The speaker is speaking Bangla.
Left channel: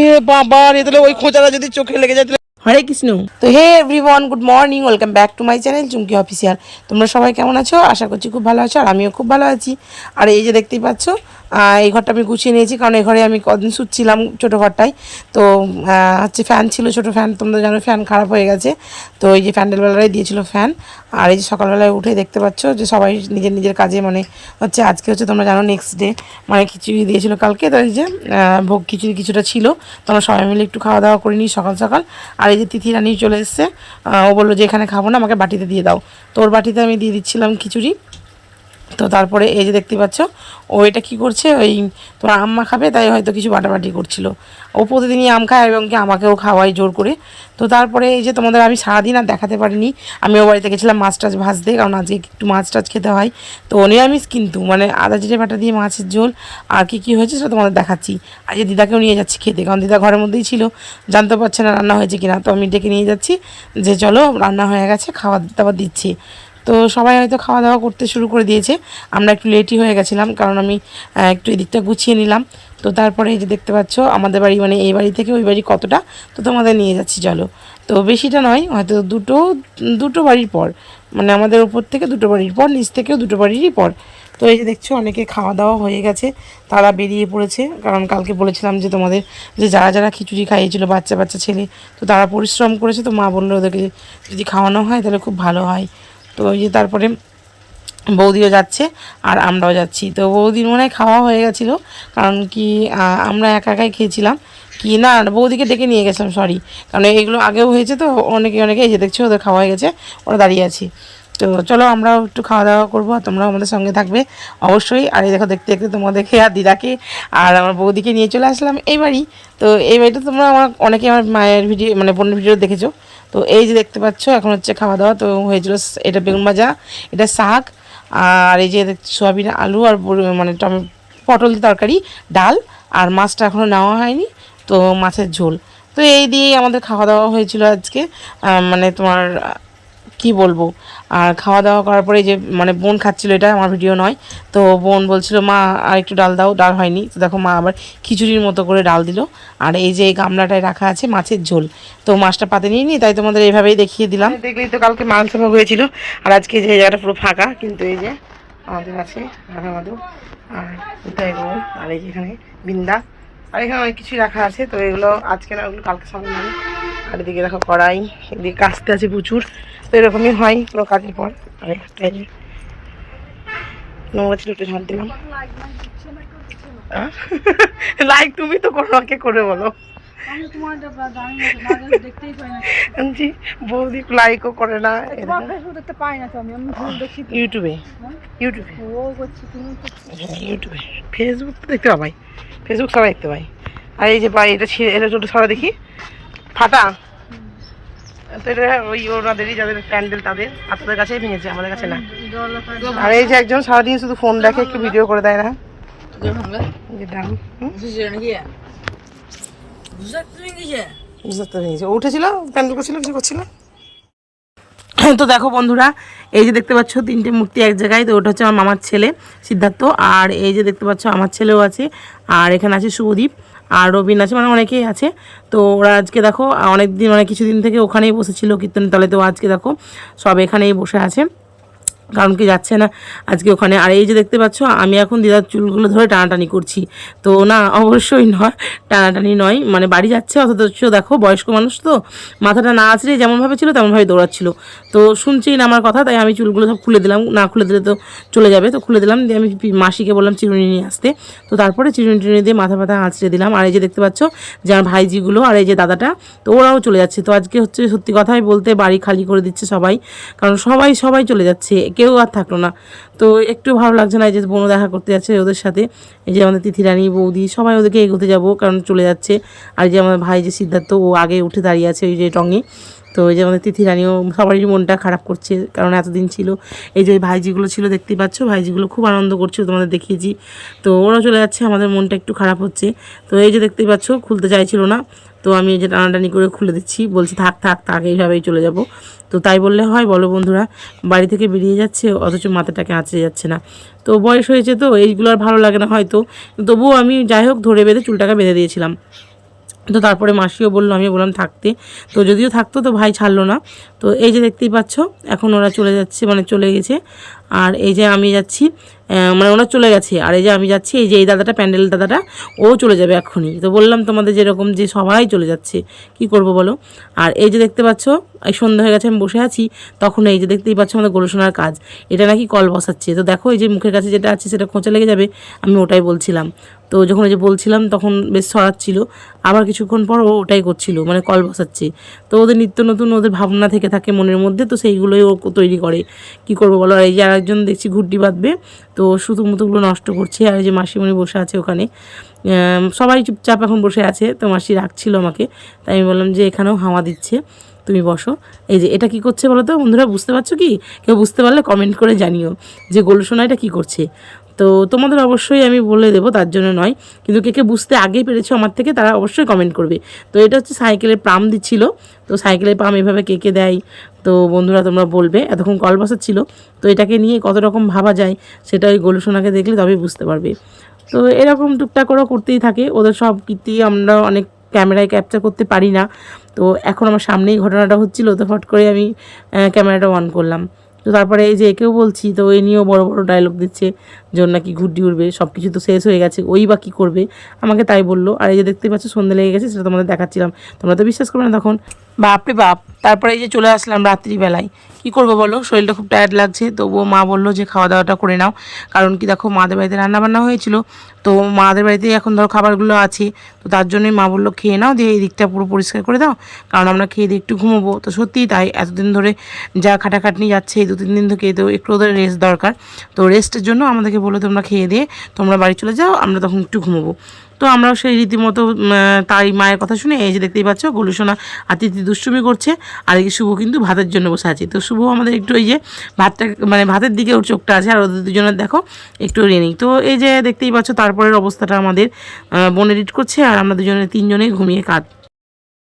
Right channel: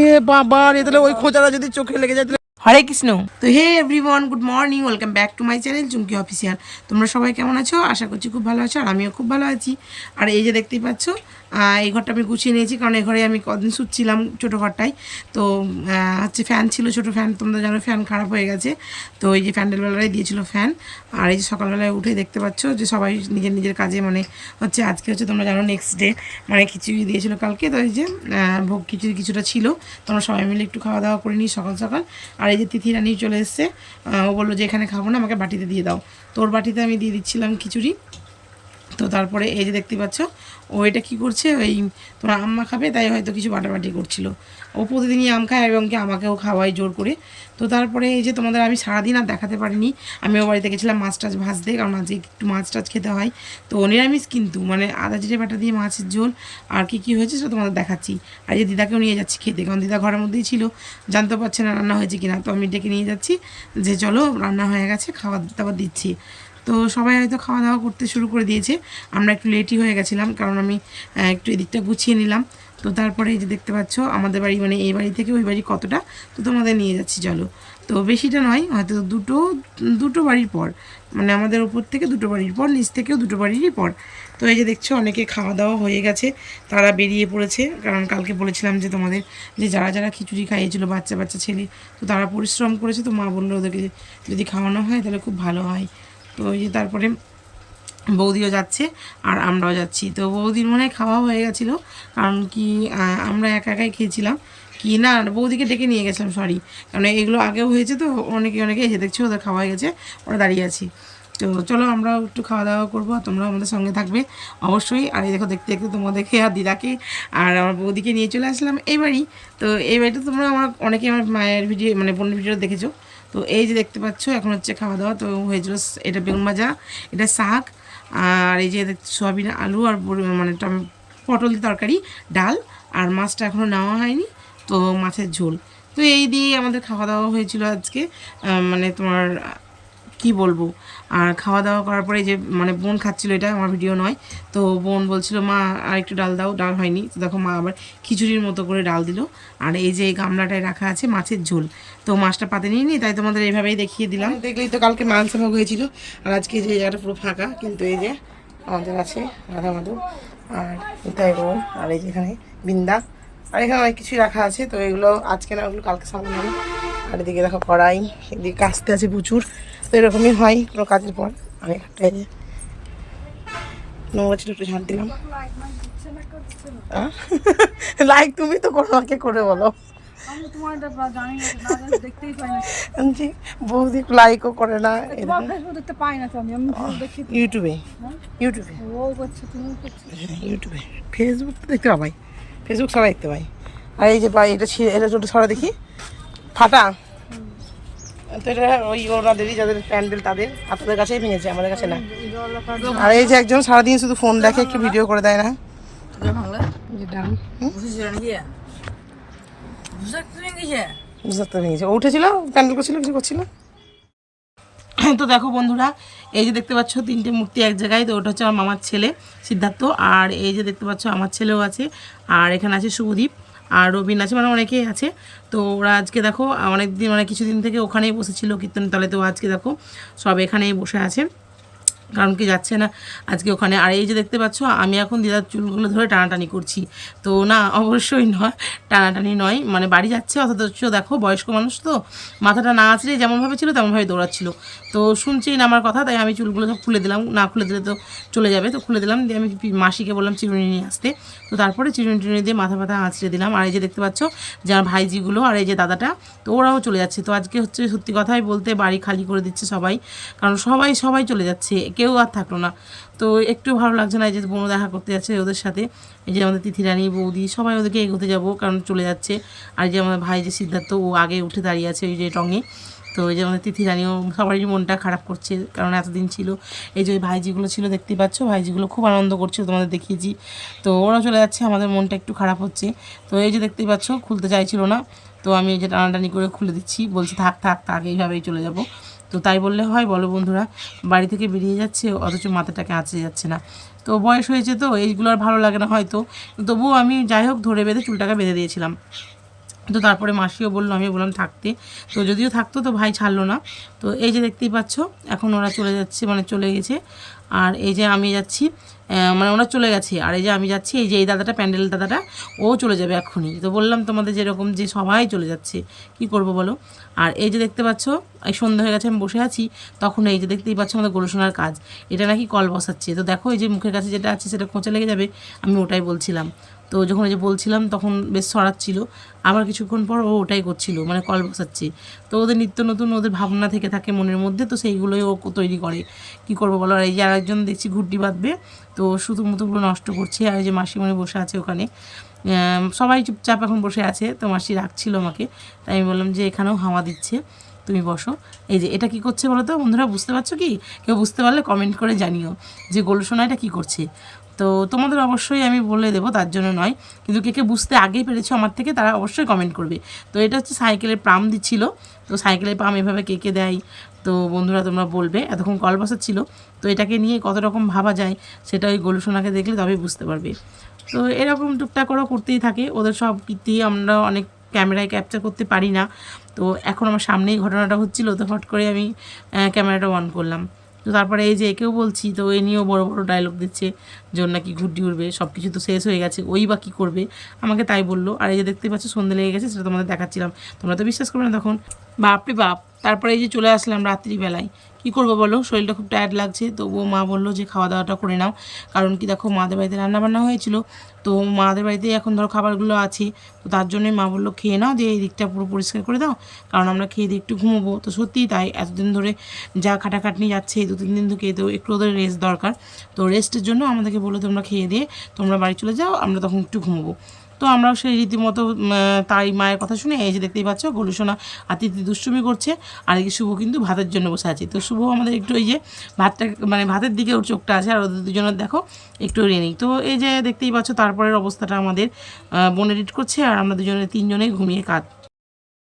ওরে বাবা রে, তাহলে ওই খোঁচাটা যদি চোখে লেগে যায়। হরে কৃষ্ণ। তো hey everyone, good morning, welcome back to my channel Chumki official. তোমরা সবাই কেমন আছো? আশা করছি খুব ভালো আছো, আর আমিও খুব ভালো আছি। আর এই যে দেখতেই পাচ্ছ, এই ঘরটা আমি গুছিয়ে নিয়েছি, কারণ এই ঘরে আমি কদিন শুচ্ছিলাম ছোটো ঘরটায়। তো হচ্ছে ফ্যান ছিল, ছোটো ফ্যান, তোমরা জানো ফ্যান খারাপ হয়ে গেছে। তো এই যে প্যান্ডেলবেলায় দিয়েছিল ফ্যান। আর এই যে সকালবেলায় উঠে দেখতে পাচ্ছ যে সবাই নিজের নিজের কাজে, মানে হচ্ছে আজকে হচ্ছে তোমরা জানো নেক্সট ডে, মানে খিচুড়ি দিয়েছিল কালকে। তো এই যে ভোগ খিচুড়ি কিছুটা ছিল, তোমরা সবাই মিলে একটু খাওয়া দাওয়া করে নিই সকাল সকাল। আর এই যে তিথি রানী চলে এসছে, ও বললো যে এখানে খাবো না, আমাকে বাটিতে দিয়ে দাও। তো ওর বাটিতে আমি দিয়ে দিচ্ছিলাম খিচুড়ি। তো তারপরে এই যে দেখতে পাচ্ছ, ও এটা কী করছে, ওই তোমার আম্মা খাবে তাই হয়তো কিছু বাটাবাটি করছিল। ও প্রতিদিনই আম খায় এবং কি আমাকেও খাওয়াই জোর করে। তো তারপরে এই যে তোমাদের আমি সারাদিন আর দেখাতে পারিনি, আমি ও বাড়িতে গেছিলাম মাছ টাছ ভাজতে, কারণ আজকে একটু মাছ টাছ খেতে হয়। তো নিরামিষ কিন্তু, মানে আদা জিরে বাটা দিয়ে মাছের ঝোল। আর কী কী হয়েছে সেটা তোমাদের দেখাচ্ছি। আজকে দিদাকেও নিয়ে যাচ্ছি খেতে, কারণ দিদা ঘরের মধ্যেই ছিল, জানতে পারছে না রান্না হয়েছে কিনা। তো আমি ডেকে নিয়ে যাচ্ছি যে চলো রান্না হয়ে গেছে, খাওয়া দাওয়া দিচ্ছি। তো সবাই হয়তো খাওয়া দাওয়া করতে শুরু করে দিয়েছে, আমরা একটু লেটই হয়ে গেছিলাম, কারণ আমি একটু এদিকটা গুছিয়ে নিলাম। তো তারপরে এই যে দেখতে পাচ্ছ আমাদের বাড়ি, মানে এই বাড়ি থেকে ওই বাড়ি কতটা, তো তোমাদের নিয়ে যাচ্ছি চলো। তো বেশিটা নয়, হয়তো দুটো বাড়ির পর, মানে আমাদের উপর থেকে দুটো বাড়ির পর, নিচ থেকেও দুটো বাড়িরই পর। তো এই যে দেখছো অনেকে খাওয়া দাওয়া হয়ে গেছে, তারা বেরিয়ে পড়েছে, কারণ কালকে বলেছিলাম যে তোমাদের যে যারা যারা খিচুড়ি খাইয়েছিল বাচ্চা বাচ্চা ছেলে, তো তারা পরিশ্রম করেছে। তো মা বললো ওদেরকে যদি খাওয়ানো হয় তাহলে খুব ভালো হয়। তো ওই যে তারপরে বৌদিও যাচ্ছে আর আমরাও যাচ্ছি। তো বৌদির মনে হয় খাওয়া হয়ে গেছিলো, কারণ কি আমরা একা একাই খেয়েছিলাম কি না, বৌদিকে ডেকে নিয়ে গেছিলাম, সরি, কারণ এগুলো আগেও হয়েছে। তো অনেকে এই যে দেখছো ওদের খাওয়া হয়ে গেছে, ওরা দাঁড়িয়ে আছি। তো চলো আমরাও একটু খাওয়া দাওয়া করবো, আর তোমরাও আমাদের সঙ্গে থাকবে অবশ্যই। আর এই দেখো দেখতে দেখতে তোমাদেরকে আর দিদাকে আর আমার বৌদিকে নিয়ে চলে আসলাম এই বাড়ি। তো এই বাড়িটা তোমরা অনেকে আমার মায়ের ভিডিও, মানে বোনের ভিডিও দেখেছো। তো এই যে দেখতে পাচ্ছ এখন হচ্ছে খাওয়া দাওয়া তো হয়েছিল, এটা বেগুন ভাজা, এটা শাক, আর এই যে সয়াবিন আলু আর মানে পটল তরকারি, ডাল, আর মাছটা এখনও নেওয়া হয়নি, তো মাছের ঝোল। তো এই দিয়েই আমাদের খাওয়া দাওয়া হয়েছিল আজকে। মানে তোমার কি বলবো। আর খাওয়া দাওয়া করার পরে যে মানে বোন খাচ্ছিলো, এটা আমার ভিডিও নয়। তো বোন বলছিল মা আর একটু ডাল দাও, ডাল হয়নি। তো দেখো মা আবার খিচুড়ির মতো করে ডাল দিল। আর এই যে এই গামলাটায় রাখা আছে মাছের ঝোল, তো মাছটা পাতে নিয়ে নিই, তাই তোমাদের এইভাবেই দেখিয়ে দিলাম। দেখলেই তো কালকে মাংস ভাগ হয়েছিল, আর আজকে যে জায়গাটা পুরো ফাঁকা, কিন্তু এই যে আমাদের আছে রাধা মাধব, আর কোথায় রোম, আর এই যে এখানে বিন্দা, আর এখানে অনেক কিছুই রাখা আছে। তো এগুলো আজকে না, ওগুলো কালকে সামনে নেবে। আর এদিকে দেখো কড়াই, এদিকে কাস্তে আছে প্রচুর। তো এরকমই হয় পুরো কাজের পর। আমি নোংরা ছিল একটু ঝাঁট দিলাম। লাইক তুমি তো কোনো আমাকে করে বলো, বৌদি লাইকও করে না। ইউটিউবে ইউটিউবে হ্যাঁ ইউটিউবে, ফেসবুক তো দেখতে পাবাই, ফেসবুক সবাই দেখতে পাই। আর এই যে এটা এটা ছোটো ছড়া দেখি ফাটা, তো এটা ওই ওনাদেরই যাদের প্যান্ডেল তাদের, আর তাদের কাছেই ভেঙেছে, আমাদের কাছে না। আর এই যে একজন সারাদিন শুধু ফোন দেখে, একটু ভিডিও করে দেয় না। উঠেছিল প্যান্ডেল করছিল, কিছু করছিল। তো দেখো বন্ধুরা, এই যে দেখতে পাচ্ছ তিনটে মূর্তি এক জায়গায়, তো ওটা হচ্ছে আমার মামার ছেলে সিদ্ধার্থ, আর এই যে দেখতে পাচ্ছ আমার ছেলেও আছে, আর এখানে আছে শুভদীপ, আর রবিন আছে, মানে অনেকেই আছে। তো ওরা আজকে দেখো অনেক দিন, মানে কিছুদিন থেকে ওখানেই বসেছিল কীর্তনের তলে, তো আজকে দেখো সব এখানেই বসে আছে, কারণ কি যাচ্ছে না আজকে ওখানে। আর এই যে দেখতে পাচ্ছ আমি এখন দিদার চুলগুলো ধরে টানাটানি করছি, তো না অবশ্যই নয়, টানাটানি নয়, মানে বাড়ি যাচ্ছে অথচ দেখো বয়স্ক মানুষ তো মাথাটা না আছড়ে যেমনভাবে ছিল তেমনভাবে দৌড়াচ্ছিল। তো শুনছেই না আমার কথা, তাই আমি চুলগুলো সব খুলে দিলাম, না খুলে দিলে তো চলে যাবে, তো খুলে দিলাম দিয়ে আমি মাসিকে বললাম চিরুনি নিয়ে আসতে। তো তারপরে চিরুনি টিরুনি দিয়ে মাথা ব্যথা আঁচড়ে দিলাম। আর এই যে দেখতে পাচ্ছ যে আমার ভাইজিগুলো আর এই যে দাদাটা, তো ওরাও চলে যাচ্ছে। তো আজকে হচ্ছে সত্যি কথাই বলতে বাড়ি খালি করে দিচ্ছে সবাই, কারণ সবাই সবাই চলে যাচ্ছে, কেউ আর থাকলো না। তো একটু ভালো লাগছে না, এই যে বোনও দেখা করতে যাচ্ছে ওদের সাথে, এই যে আমাদের তিথি রানী বৌদি সবাই ওদেরকে এগোতে যাবো, কারণ চলে যাচ্ছে। আর যে আমার ভাই যে সিদ্ধার্থ, ও আগে উঠে দাঁড়িয়ে আছে ওই যে টঙে। তো এই যে আমাদের তিথি রানীও, সবারই মনটা খারাপ করছে, কারণ এতদিন ছিল। এই যে ওই ভাইজিগুলো ছিল দেখতেই পাচ্ছ, ভাইজিগুলো খুব আনন্দ করছিল, তোমাদের দেখিয়েছি। তো ওরা চলে যাচ্ছে, আমাদের মনটা একটু খারাপ হচ্ছে। তো এই যে দেখতেই পাচ্ছ খুলতে চাইছিল না, তো আমি এই যে টানাটানি করে খুলে দিচ্ছি, বলছি থাক থাক থাক, এইভাবেই চলে যাব। তো তাই বললে হয় বলো বন্ধুরা, বাড়ি থেকে বেরিয়ে যাচ্ছে অথচ মাথাটাকে আঁচড়ে যাচ্ছে না। তো বয়স হয়েছে তো এইগুলো আর ভালো লাগে না হয়তো, তবুও আমি যাই হোক ধরে বেঁধে চুলটাকে বেঁধে দিয়েছিলাম। তো তারপরে মাসিও বললো, আমিও বললাম থাকতে, তো যদিও থাকতো তো ভাই ছাড়লো না। তো এই যে দেখতেই পাচ্ছ এখন ওরা চলে যাচ্ছে, মানে চলে গেছে। আর এই যে আমি যাচ্ছি, মানে ওরা চলে গেছে, আর এই যে আমি যাচ্ছি, এই যে এই দাদাটা, প্যান্ডেল দাদাটা, ও চলে যাবে এক্ষুনি। তো বললাম তোমাদের যেরকম যে সবাই চলে যাচ্ছে, কি করব বলো। আর এই যে দেখতে পাচ্ছ এই সন্ধ্যা হয়ে গেছে, আমি বসে আছি, তখন এই যে দেখতেই পাচ্ছ আমাদের গরুসোনার কাজ, এটা নাকি কল বসাচ্ছে। তো দেখো এই যে মুখের কাছে যেটা আছে সেটা খোঁচা লেগে যাবে, আমি ওটাই বলছিলাম। তো যখন এই যে বলছিলাম তখন বেশ ছড়াচ্ছিল, আবার কিছুক্ষণ পর ও ওটাই করছিল, মানে কল বসাচ্ছে। তো ওদের নিত্য নতুন ওদের ভাবনা থেকে থাকে মনের মধ্যে, তো সেইগুলোই ও তৈরি করে, কি করবো বলো। আর এই যে আরেকজন দেখছি ঘুরটি বাঁধবে, তো সুতো মুতোগুলো নষ্ট করছে। আর এই যে মাসিমণি বসে আছে ওখানে, সবাই চুপচাপ এখন বসে আছে। তো মাসি রাখছিল আমাকে, তাই আমি বললাম যে এখানেও হাওয়া দিচ্ছে, তুমি বসো। এই যে এটা কি করছে বলো তো বন্ধুরা, বুঝতে পারছো কি? কেউ বুঝতে পারলে কমেন্ট করে জানিও যে গোলুসোনা এটা কী করছে। তো তোমাদের অবশ্যই আমি বলে দেবো, তার জন্য নয়, কিন্তু কে কে বুঝতে আগেই পেরেছো আমার থেকে তারা অবশ্যই কমেন্ট করবে। তো এটা হচ্ছে সাইকেলের পাম্প দিচ্ছিল, তো সাইকেলের পাম্প এভাবে কে কে দেয়, তো বন্ধুরা তোমরা বলবে। এতক্ষণ কল বসাচ্ছিল, তো এটাকে নিয়ে কত রকম ভাবা যায় সেটা ওই গোলুসোনাকে দেখলে তবেই বুঝতে পারবে। তো এরকম টুকটাক করেও করতেই থাকে, ওদের সব কীর্তি আমরা অনেক ক্যামেরায় ক্যাপচার করতে পারি না। তো এখন আমার সামনেই ঘটনাটা হচ্ছিলো, তো হট করে আমি ক্যামেরাটা অন করলাম। তো তারপরে এই যে একেও বলছি, তো এই নিয়েও বড় বড় ডায়লগ দিচ্ছে যে ওর নাকি ঘুরটি উড়বে, সব কিছু তো শেষ হয়ে গেছে, ওই বা কী করবে, আমাকে তাই বললো। আর এই যে দেখতে পাচ্ছ সন্ধ্যে লেগে গেছে, সেটা তোমাদের দেখাচ্ছিলাম, তোমরা তো বিশ্বাস করবে না তখন, বাপরে বাপ। তারপরে এই যে চলে আসলাম রাত্রিবেলায়, কী করবো বলো, শরীরটা খুব টায়ার্ড লাগছে। তবুও মা বললো যে খাওয়া দাওয়াটা করে নাও, কারণ কি দেখো মাদের বাড়িতে রান্নাবান্না হয়েছিল, তো মাদের বাড়িতেই এখন ধরো খাবারগুলো আছে, তো তার জন্যই মা বললো খেয়ে নাও, দিয়ে এই দিকটা পুরো পরিষ্কার করে দাও, কারণ আমরা খেয়ে দিয়ে একটু ঘুমোবো। তো সত্যিই তাই, এতদিন ধরে যা খাটাখাটনি যাচ্ছে এই 2-3 দিন থেকে, তো একটু ওদের রেস্ট দরকার। তো রেস্টের জন্য আমাদেরকে বললো তোমরা খেয়ে দিয়ে তোমরা বাড়ি চলে যাও, আমরা তখন একটু ঘুমোবো। তো আমরাও সেই রীতিমতো তাই মায়ের কথা শুনে এই যে দেখতেই পাচ্ছ গোলুসোনা আতিথি দুষ্টুমি করছে, আর এই শুভ কিন্তু ভাতের জন্য বসে আছে। তো শুভ আমাদের একটু এই যে ভাতটা, মানে ভাতের দিকে ওর চোখটা আছে, আর ওদের দুজনের দেখো একটু রেনিং। তো এই যে দেখতেই পাচ্ছ তারপরের অবস্থাটা আমাদের বোন এডিট করছে, আর আমরা দুজনে 3জনেই ঘুমিয়ে কাঁদ